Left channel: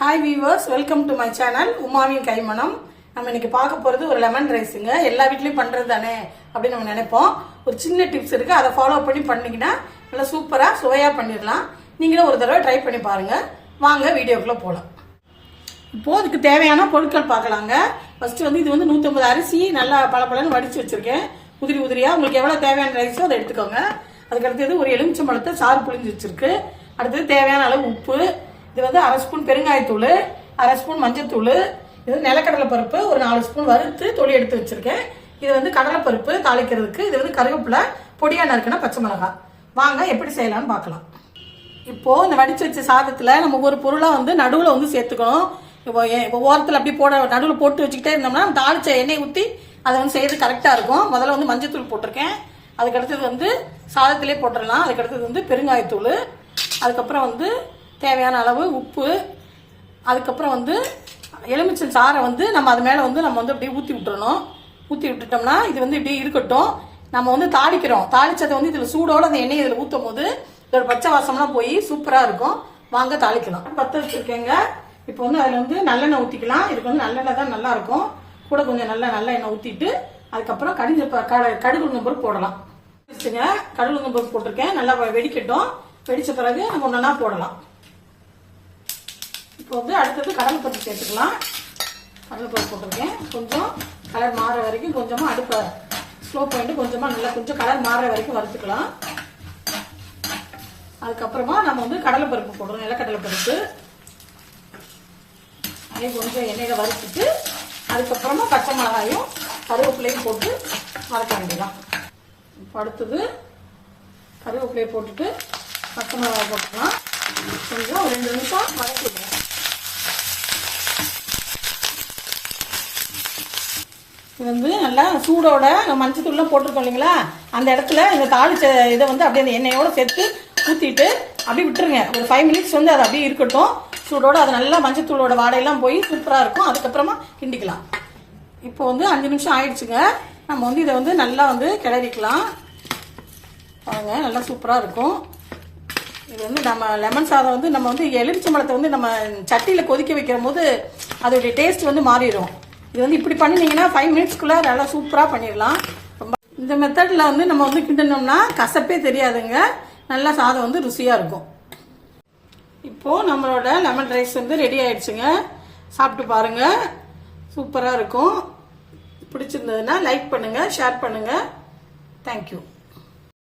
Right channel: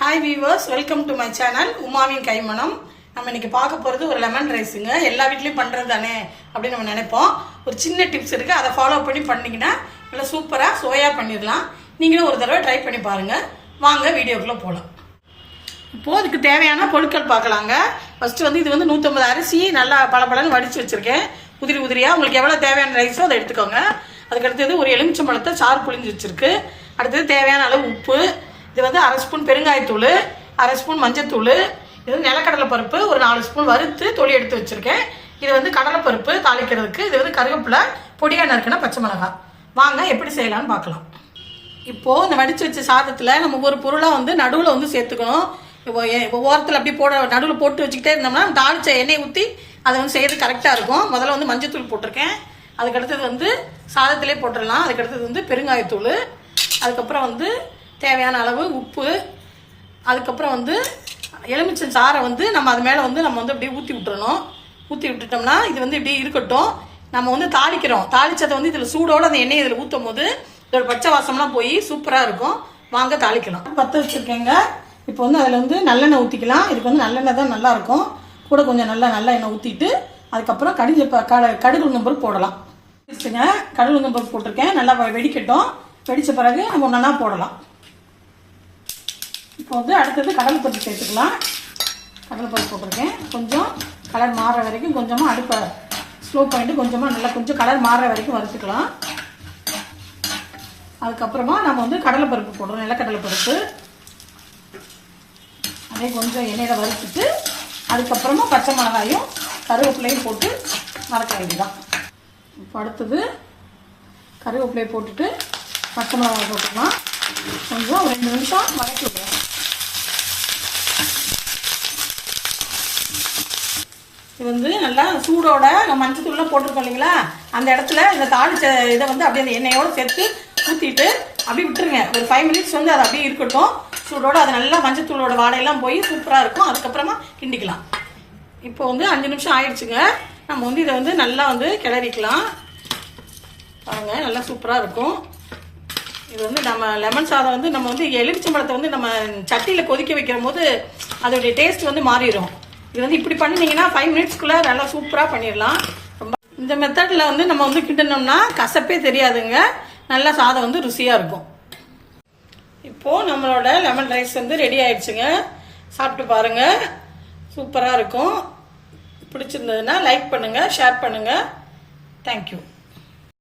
Hi viewers, welcome to my channel உமாவின் கைமணம். நம்ம இன்னைக்கு பார்க்க போகிறது ஒரு லெமன் ரைஸுங்க. எல்லா வீட்லேயும் பண்ணுறது தானே அப்படின்னு நம்ம நினைப்போம். ஒரு சின்ன டிப்ஸ் இருக்குது, அதை ஃபாலோ பண்ணிங்கன்னா நல்லா சூப்பராக சுவையாக பண்ணிடலாம். நீங்களும் ஒரு தடவை ட்ரை பண்ணி பாருங்கள். வாங்க வீடியோக்குள்ளே போகலாம். இப்போது அதுக்கு தேவையான பொருட்கள் பார்க்கலாங்க. ஃபஸ்ட்டு வந்து இது வந்து 150 அரிசி நல்லா பளபளன்னு வடித்து வச்சுருக்கேன், உதிரி உதிரியாக. உங்களுக்கு எவ்வளோ தேவையான ரைஸோ அதை எடுத்துக்கோங்க. அதுக்கடுத்தது ஒரு எலுமிச்சம்பழத்தை சாறு புழிஞ்சு வச்சுருக்கு. அடுத்தது தேவையான அளவு உப்பு, இது வந்து 1/2 ஸ்பூன் பெருங்காயத்தூள், 1/2 ஸ்பூன் மஞ்சத்தூள், இது நிலக்கடலை பருப்பு ஒரு 4 ஸ்பூன் வறுத்து தொளி எடுத்து வச்சுருக்கேன். இது வந்து கடலைப்பருப்பு தாளிக்கிறதுக்கு, இது வந்து கருவேப்பிலை, பொடியாக நறுக்கின பச்சை மிளகாய். வாங்க எப்படி செய்யலான்னு பார்க்கலாம். இப்போது இந்த வடித்து வச்ச சாதத்தில் நம்ம ஒரு பொருளாக வந்து நடுவில் வந்து சேர்த்துக்கணும். இப்போ ஓரத்தில் அப்படி நடுவில் போட்டு வச்சுக்கிட்டே இருந்தோம்னா தாளிச்ச எண்ணெய் ஊற்றி அதை வந்து செய்கிறது கரெக்டாக இருக்கும். முதல்ல வந்து மஞ்சத்தூள் போட்டிருக்கேன், அதுக்கடுத்தது வந்து சாதத்திலே போட்டுடலாம். அதுக்கடுத்தது வந்து பெருங்காயத்தூள், அதுக்கப்புறம் வந்து தேவையான அளவு உப்பு, அதுக்கப்புறம் வந்து எலுமிச்சம் சாறை வந்து நம்ம அது மேலே வந்து நம்ம வந்து அப்படியே ஊற்றி விட்டுறணும். ஊற்றி விட்டுட்டோம்னா இது வந்து இப்படி இருக்கட்டும். நம்ம வந்து தாளிக்கிறோம், தாளிச்சதை வந்து இதில் சூடோடு அந்த எண்ணெய் இதில் ஊற்றும் போது இதோட பச்சை வாசம்லாம் போய் சூப்பராக இருக்கும். வாங்க தாளிக்கலாம். பற்ற வச்சுருக்கேங்க. இப்போ வந்து அதில் வந்து நல்லெண்ணெய் ஊற்றிக்கலாம். இதுக்கு வந்து நல்லெண்ணெய் தான் நல்லாயிருக்கும். கூட கொஞ்சம் நல்ல எண்ணெய் ஊற்றிட்டு அதுக்கப்புறம் கடுகு உளுந்தம்பருப்பு போடலாம். கடுகு உளுந்தம்பருப்பு போட்டிருக்கேன், நல்லா வெடிக்கட்டும். வெடித்த பிறகு நம்ம ஒன்றா போடலாம். இப்போ வந்து அடுத்தது கடலைப்பருப்பு சேர்த்துக்கலாம். கடலைப்பருப்பு போட்டிருக்கேன். கொஞ்சம் கலர் மாறுற வரைக்கும் கொஞ்சமாக அடுப்பை ஸ்லோ பண்ணிட்டு கொஞ்சம் கலர் மாறுற வரைக்கும் வறுத்துக்கலாம். அதுக்கப்புறமா நம்ம வந்து கடலைப்பருப்பு போடுறோம், நிலக்கடலைப்பருப்பு. அதே கொஞ்சம் எண்ணெயில் வறுத்துட்டு அதுக்கப்புறமா பச்சை மிளகாயும் கருவேப்பிலையும் போட்டு வதக்க வேண்டியதான். இப்போ அடுத்தது கருவேப்பிலையை போட்டுட்டு பச்சை மிளகாய் போட்டுக்கலாம். கொஞ்சம் 2 நிமிஷம் வதக்கிடுவோம். இது வந்து நல்லா சூடோட நம்ம மஞ்சத்தூள்ல போட்டிருக்கோம் இல்லைங்களா, அந்த இடத்துல இந்த தாளிச்ச இதை வந்து அப்படியே அந்த எண்ணெயோட சேர்த்து ஊற்றிட்டு அப்படியே விட்டுருங்க. ஒரு 5 மினிட்ஸ் வந்து அது அப்படியே இருக்கட்டும் சூடோட. அது நல்லா மஞ்சத்தூளோட வாடையெல்லாம் போய் சூப்பராக இருக்கும். அதுக்கப்புறமா கிண்டிக்கலாம். இப்போ வந்து 5 நிமிஷம் ஆயிடுச்சுங்க. நம்ம வந்து இதை வந்து நல்லா வந்து கிளறிக்கலாம். பாருங்க, நல்லா சூப்பராக இருக்கும். இது வந்து நம்ம லெமன் சாதம் வந்து நம்ம வந்து எலுமிச்சம்பழத்தை வந்து நம்ம சட்டியில் கொதிக்க வைக்கிற போது அதோடைய டேஸ்ட் வந்து மாறிடும். இது வந்து இப்படி பண்ணினீங்கன்னா 5 மினிட்ஸ்க்குள்ளே நல்லா சூப்பராக பண்ணிடலாம். இந்த மெத்தடில் வந்து நம்ம வந்து கிண்டினோம்னா கசப்பே தெரியாதுங்க. நல்லா சாதம் வந்து ருசியாக இருக்கும். இப்போது நம்மளோட லெமன் ரைஸ் வந்து ரெடி ஆயிடுச்சுங்க. சாப்பிட்டு பாருங்கள், சூப்பராக இருக்கும். பிடிச்சிருந்ததுன்னா லைக் பண்ணுங்கள், ஷேர் பண்ணுங்கள். தேங்க்யூ.